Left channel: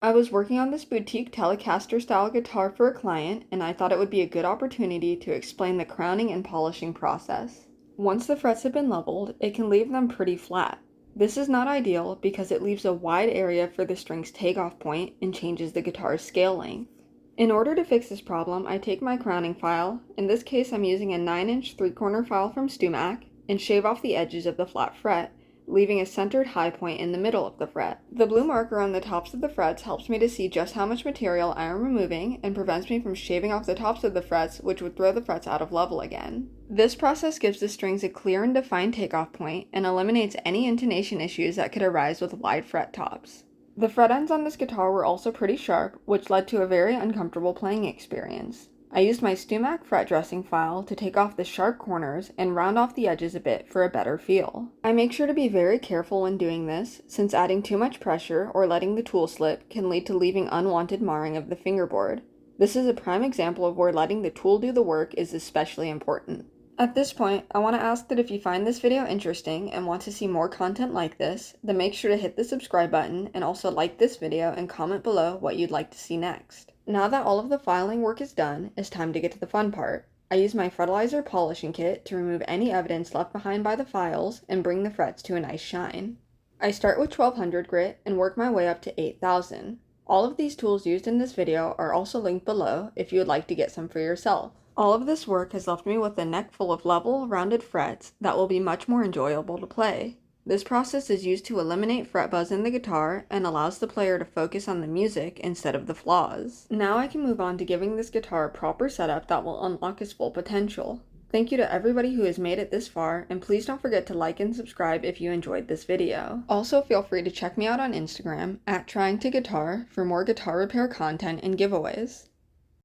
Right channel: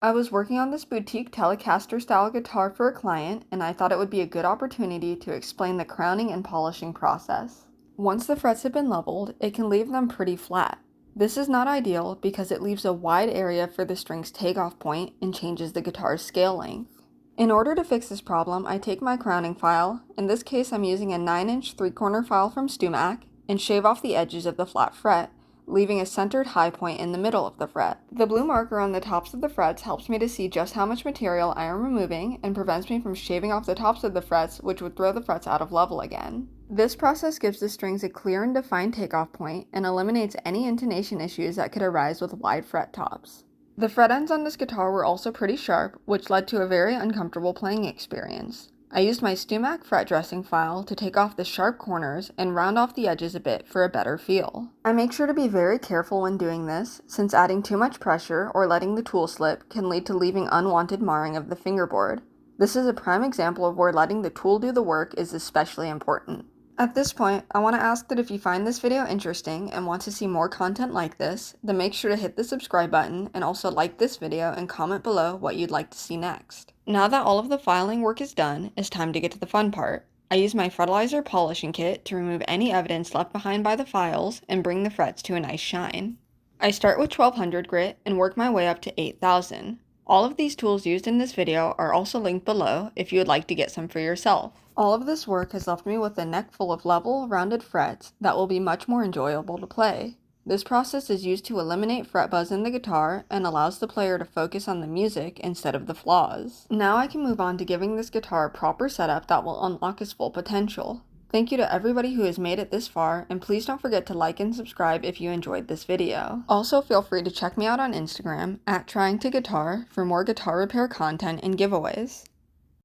I was working on this boutique Telecaster style guitar for a client, and I thought it would be a good opportunity to explain the crowning and polishing process. Once the frets have been leveled, it can leave them pretty flat. This is not ideal because it leaves a wide area for the string's takeoff point and changes the guitar's scale length. In order to fix this problem, I take my crowning file, in this case I'm using a 9-inch 3-corner file from Stumac, and shave off the edges of the flat fret, leaving a centered high point in the middle of the fret. The blue marker on the tops of the frets helps me to see just how much material I am removing and prevents me from shaving off the tops of the frets, which would throw the frets out of level again. This process gives the strings a clear and defined takeoff point and eliminates any intonation issues that could arise with wide fret tops. The fret ends on this guitar were also pretty sharp, which led to a very uncomfortable playing experience. I used my Stumac fret dressing file to take off the sharp corners and round off the edges a bit for a better feel. I make sure to be very careful when doing this, since adding too much pressure or letting the tool slip can lead to leaving unwanted marring of the fingerboard. This is a prime example of where letting the tool do the work is especially important. At this point, I want to ask that if you find this video interesting and want to see more content like this, then make sure to hit the subscribe button and also like this video and comment below what you'd like to see next. Now that all of the filing work is done, it's time to get to the fun part. I use my Fertilizer polishing kit to remove any evidence left behind by the files and bring the frets to a nice shine. I start with 1200 grit and work my way up to 8000. All of these tools used in this video are also linked below if you would like to get some for yourself. All of this work has left me with a neck full of level, rounded frets that will be much more enjoyable to play. This process is used to eliminate fret buzz in the guitar and allows the player to focus on the music instead of the flaws. Now I can move on to giving this guitar a proper setup that will unlock its full potential. Thank you to everybody who has made it this far, and please don't forget to like and subscribe if you enjoyed this video. Also feel free to check me out on Instagram @tryingtoguitar for more guitar repair content and giveaways.